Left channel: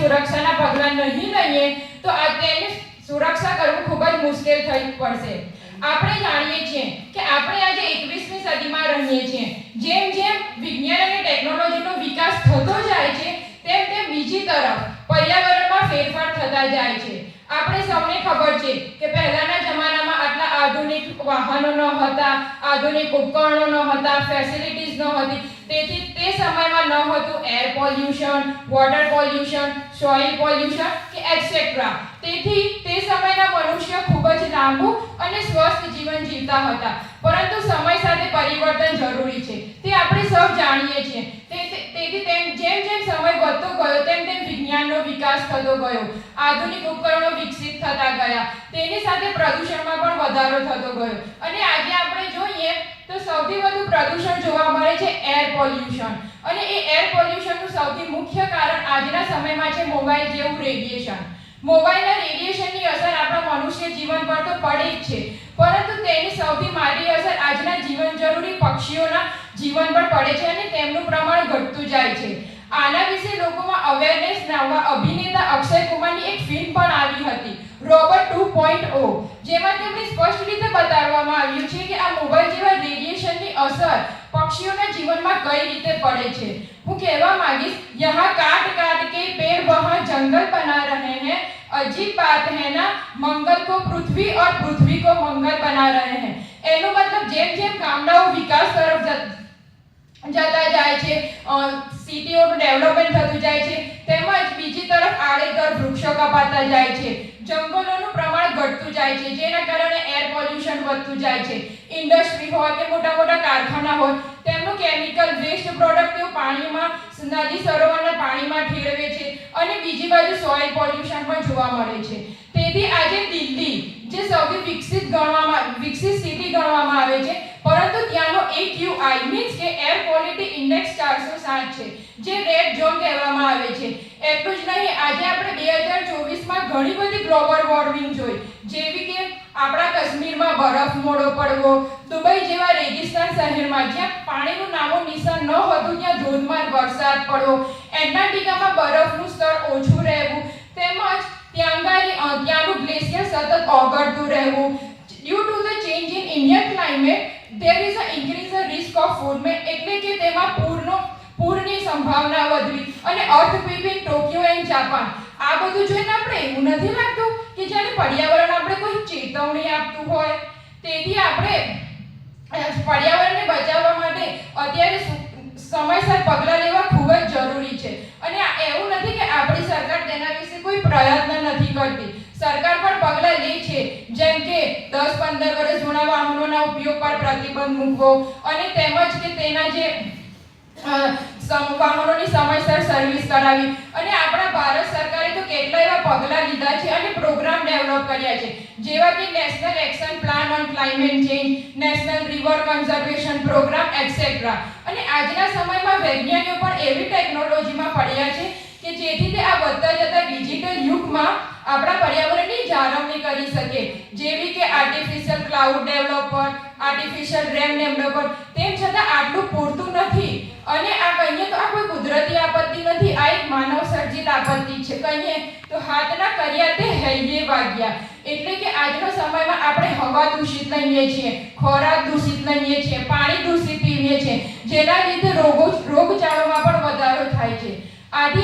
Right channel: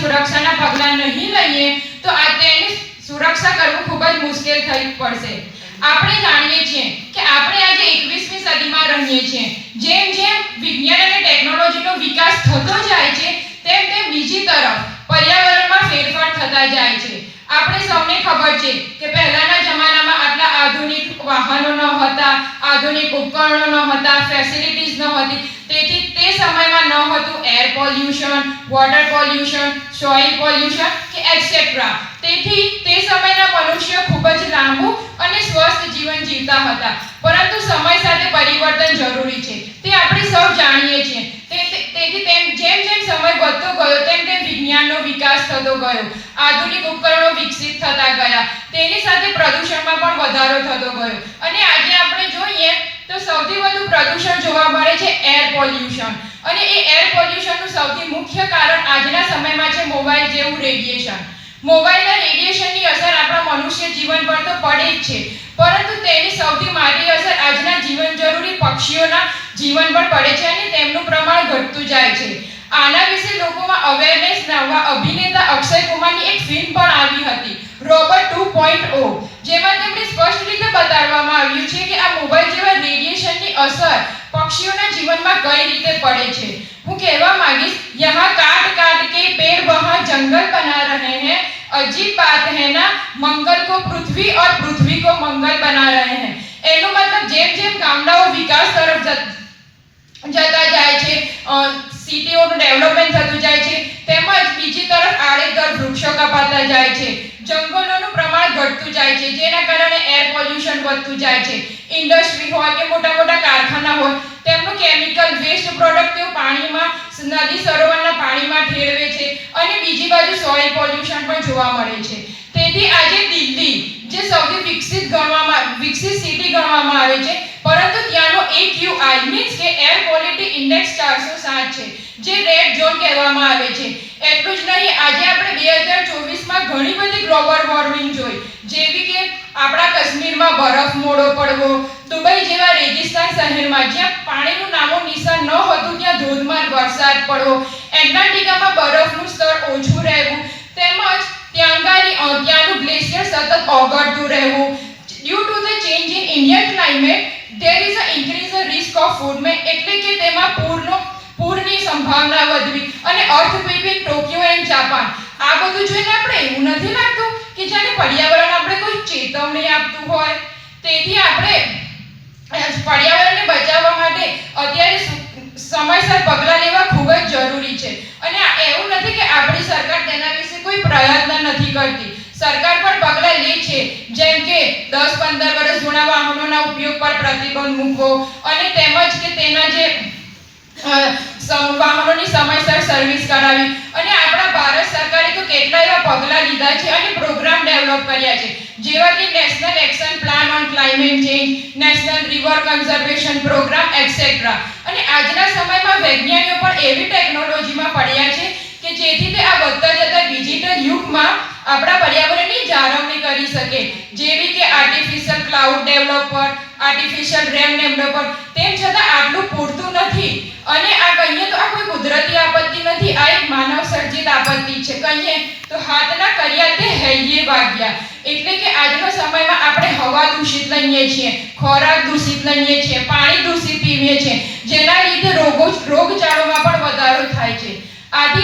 સુરક્ષાના પગલાં નહીં લઈએ, તો આ તેની સુરક્ષા કરવું ખૂબ જ મુશ્કેલ થઈ પડશે. આપણે જાણીએ છીએ કે આપણે આજે એકવીસમી સદીમાં રહીએ છીએ. જેમ જેમ વિજ્ઞાન અને ટેકનોલોજીનો વિકાસ થતો જાય છે, તેમ તેમ બીજી તરફ પર્યાવરણમાં ફેરફાર થતા જાય છે. આપણે સૌને ખબર છે કે પહેલાના જમાનામાં આટલા આધુનિક વાહનો ન હતા, આધુનિક ઉપકરણો ન હતા ફેસિલિટીઝ ન હતી. તેથી તે સમયમાં ન હતું air pollution water pollution soil pollution કે એટસેટ્રા તેથી તે સમયના મનુષ્યો ખૂબ જ લાંબુ અને સ્વસ્થ જીવન જીવતા હતા. પરંતુ સમય સાથે પરિવર્તન જરૂરી છે. તે આપણે સૌ જાણીએ છીએ. તેથી તેમ જેમ જેમ સમય વધતો ગયો, તેમ તેમ વિજ્ઞાનનો વિકાસ થતો ગયો. આધુનિક ઉપકરણો વિકસિત થતા ગયા. તેની સાથે પ્રદૂષણમાં પણ વધારો થતો ગયો. અને આજે આપણે જોઈએ તો સૌથી વધુ પ્રદૂષણ જોવા મળે છે એર પોલ્યુશન. અને એ એર પોલ્યુશનનું સૌથી મુખ્ય કારણ આજના સમયમાં છે મોબાઈલ જેવું રેડિયેશન. મોબાઈલના રેડિયેશનની અસર આપણા મનુષ્ય જીવન પર તો પડે જ છે. પરંતુ તેની સૌથી મારી અસર આજના જીવન જરૂરી પક્ષીઓના જીવન પર પડે છે અને તેમનું પ્રમાણ ઘટતું જાય છે. આના વિશે લોકોમાં અવેરનેસ લાવવા અભિનેતા અક્ષય કુમારની એક ફિલ્મ પણ આવી હતી રોબર્ટ ટુ પોઈન્ટ ઓ જેમાં તેમણે સ્પષ્ટ રીતે બતાવવામાં આવ્યું છે કે આ મોબાઈલ જેવા રેડિયેશનની અસર પક્ષીઓના જીવનમાં કઈ રીતે પડે છે. હું કહેવા માંગીશ, યહાં કાટ કાટ કે પેડ વહાં જંગલ બના રહે હૈ, અજીબ बात है ना मंगल को पृथ्वी और पृथ्वी को मंगल बना रहे हैं એનો મતલબ જેમ જેમ ગામડાઓ વિકાસ તરફ જતા જાય છે સિટીઓનું ડેવલપમેન્ટ થતું જાય છે, તેમજ બીજી તરફ આડેધડ વૃક્ષો કપાતા જાય છે. જંગલોનું પ્રમાણ ઘટતું જાય છે, જેના કારણે એર પોલ્યુશન વધતું જાય છે. ઇન્ડસ્ટ્રી હોય કે મોટા મોટા કારખાના હોય, તેમનું કેમિકલ વેસ્ટ પ્રોડક્ટ તેઓ પાણીમાં, નદી સરોવરના પાણીમાં ઠેરવે છે અને બીજી બાજુ સોઇલ પોલ્યુશન પણ જોવા મળે છે. તેથી આજે દિલ્હી, જે સૌથી વિકસિત ગણવામાં, વિકસિત સિટી ગણવામાં આવે છે પરંતુ ત્યાંનો AQI મીન્સ કે એર ક્વોલિટી ઇન્ડેક્સ 407 છે, જે રેડ ઝોન કહેવામાં આવે છે. એટલું જ નહીં, આજે આપણે 2024 માં ઘણી બધી ગ્લોબલ વોર્મિંગ જોઈ. જેવી કે આપણા કાશ્મીરમાં બરફ મોડો પડવો, દુબઈ જેવા રેગિસ્તાન શહેરમાં જ્યાં પાણીનું નામો નિશાન ન હતું, ત્યાં ધોધમાર વરસાદ પડવો, એન્ટાર્કટિકામાં બરફનું સ્તર ઓછું રહેવું, તેમજ ત્યાંગાની ત્યાંનું ગ્લેશિયર સતત ઓગળતું રહેવું. Due to the change in Indian climate a risk એટલે કે તેમાં પૂરનો, પૂરની સંભાવના વધવી. અને અર્થક્વેકિંગ ટોક્યો એન્ડ જાપાન. આ બધું જોઈને આપણે એવું નથી લાગતું કે જ્યારે પર્યાવરણ આપણે કોઈ ચેતવણી આપતું હોય, તેથી આપણે પર્યાવરણને બચાવવા માટે અત્યારે સમયસર પગલાં લેવા ખૂબ જ જરૂરી છે. અને એવું નથી કે આપણી સરકાર તેના વિશે કોઈ પ્રયત્ન નથી કરતી. સરકાર પણ પગલાં લે છે, જેમ કે દસ પંદર વર્ષ જૂના વાહનોના ઉપયોગ પર પ્રતિબંધ મૂકવો અને તેમજ કે તેના જે વાહનોની સમયસર સર્વિસ કરાવી. અને આપણા ભારત સરકારે તો કેટલા એવા પગલાં લીધા છે અને પ્રોગ્રામ ડેવલપ કર્યા છે. જેવા કે national action plan on climate change national river conservation programme etcetera અને આજના સમયમાં વૈજ્ઞાનિકો પણ એવી ટેકનોલોજીમાં પડ્યા છે કે જેથી તે આ વધતા જતા ડિજિટલ યુગમાં આપણા પર્યાવરણની જાળવણી કરી શકે. જેવી કે artificial cloud developer artificial rain developer તેમ છતાં આટલું પૂરતું નથી. અને આ કહીએ તો આ કોઈ કુદરતી આપત્તિ નથી, આ એક માનવ સર્જિત આપત્તિ છે. કહીએ તો હાથના કર્યા તે હૈયે વાગ્યા. એટલે કે આજના સમયમાં આપણે હવા દૂષિત લઈએ છીએ, ખોરાક દૂષિત લઈએ છીએ, પાણી દૂષિત પીવીએ છીએ. જેના લીધે રોગો, રોગચાળોમાં પણ વધારો થાય છે. આથી